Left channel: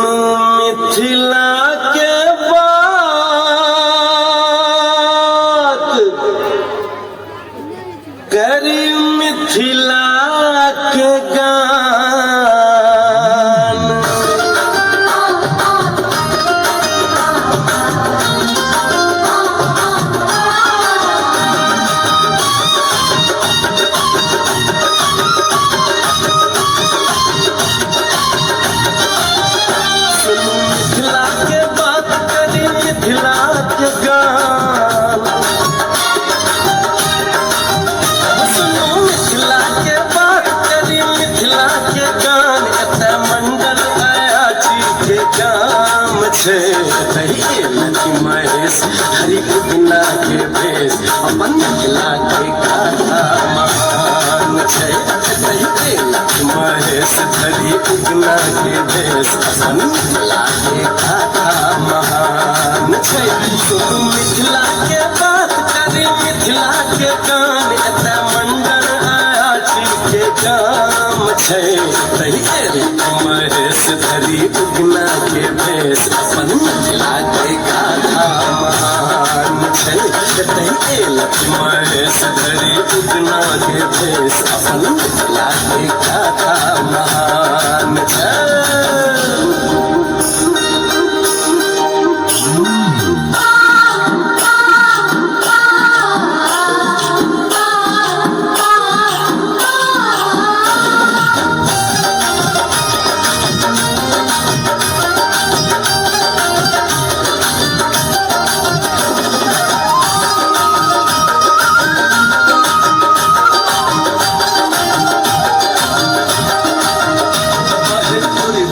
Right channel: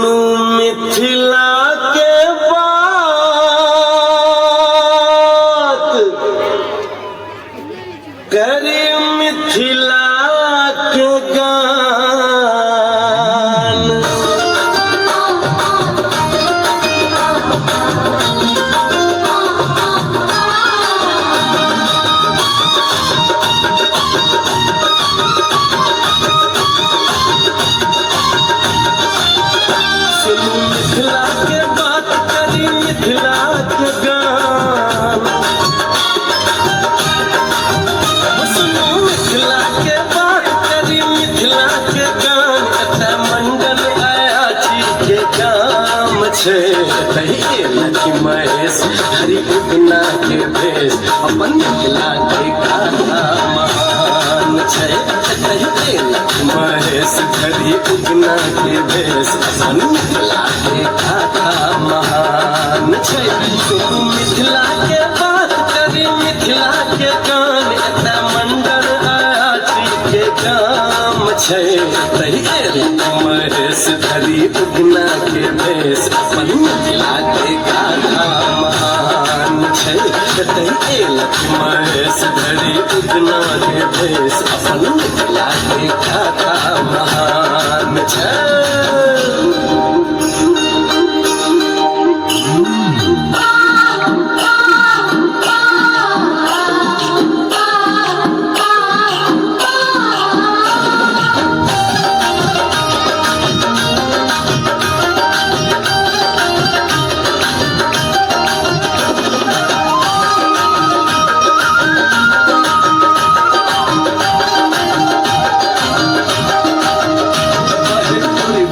सुनू मिथिला के बात, करी मिथिला के गान। सुनू मिथिला के बात, करी मिथिला के गान। सुनू मिथिला के बात, करी मिथिला के गान। एतऽ मंडन आयाची के काम छै, लक्ष्मी महेश हरि उगना के भेष। अपन मिथिला के गाथा महान छै, लक्ष्मी महेश हरि उगना के भेष। अपन मिथिला के गाथा महान छै। सुनू मिथिला के बात, करी मिथिला के गान। एतऽ मंडन आयाची के काम छै, महेश हरि उगना के भेष। अपन मिथिला के गाथा महान छै, महेश हरि उगना के भेष। अपन मिथिला के गाथा महान छै।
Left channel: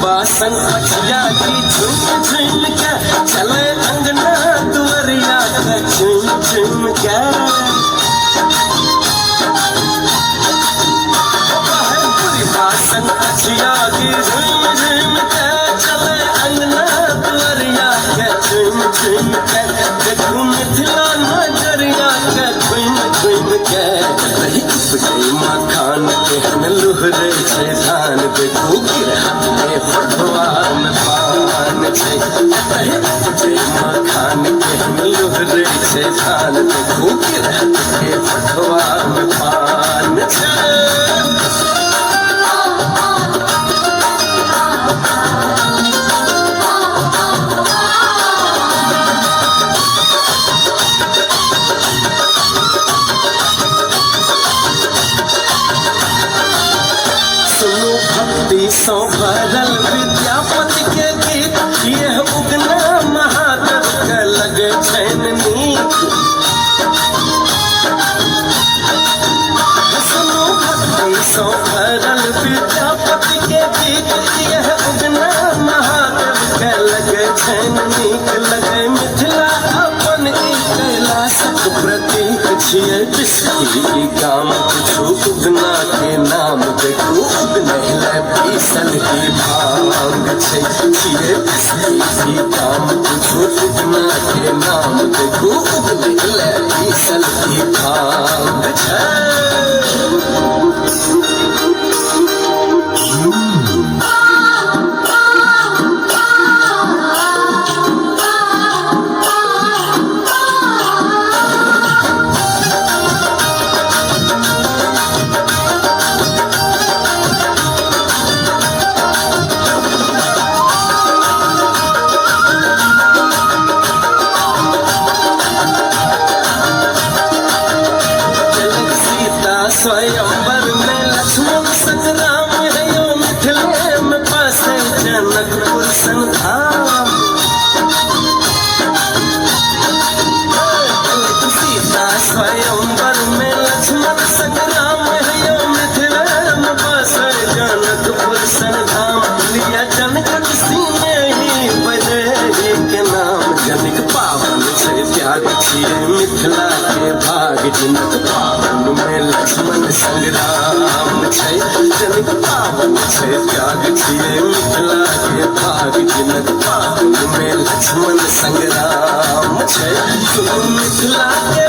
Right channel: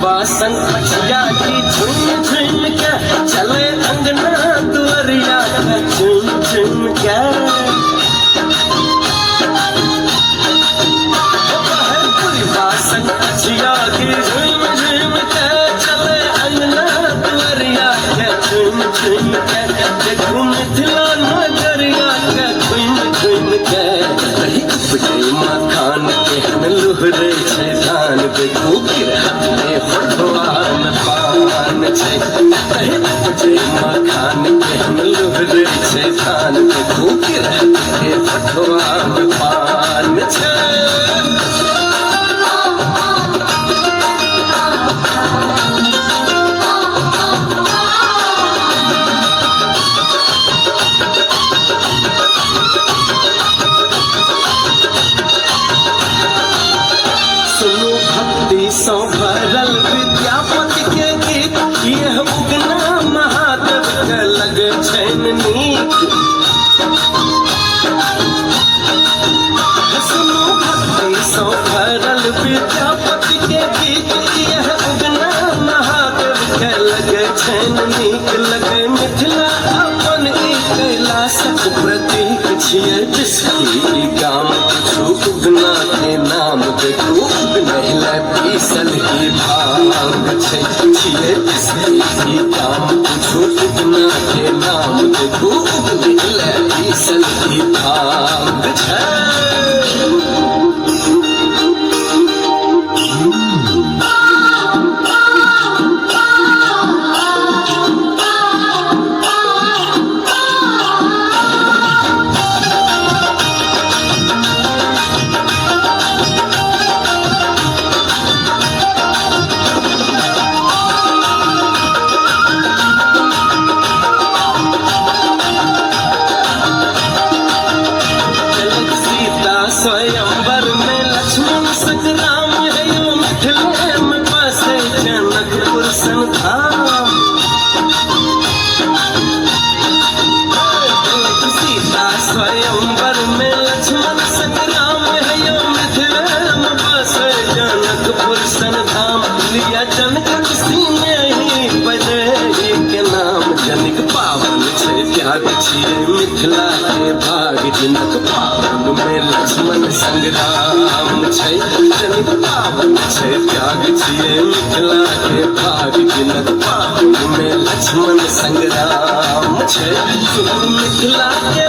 बासन जाती झुम झुम के चले अंगना दुआरिया झुम झुम के। बासन जाती झुम झुम के चले अंगना दुआरिया झुम झुम के। देखू मिथिला नगरिया झुम झुम के। मखान के लुहरे छै धान, देखू गिरहने फटवान पान छै। मखान के लुहरे छै धान, देखू गिरहने फटवान पान छै। सुनो भक्ति सौ भरल विद्यापति के गीत, यह उगना महादेव के लगे छैन नीक। सुनो भक्ति सौ भरल विद्यापति के गीत, यह उगना महादेव के लगे छैन नीक। लगे मिथिला अपन ई कैलाशक प्रतीक छियै, जिसकी गाम उगना के नाम। देखू उगनैले पीसल ही भांग छै, छियै जिसकी गाम उगना के नाम। देखू उगनैले पीसल ही भांग छै। स्वयंवर में लक्ष्मण संग्राम है, यो मिथिले में बसे जनकपुर संधाम। सीता स्वयंवर में लक्ष्मण संग्राम है, यो मिथिले में बसे जनकपुर संधाम। लिया जनक सिंह ही बने के नाम। जनक पावन छै त्याग छियै मिथिला के भाग। जनक पावन में लक्ष्मण संग्राम छै, जनक पावन छै त्याग छियै मिथिला के भाग। जनक पावन में लक्ष्मण संग्राम छै। मिथिला के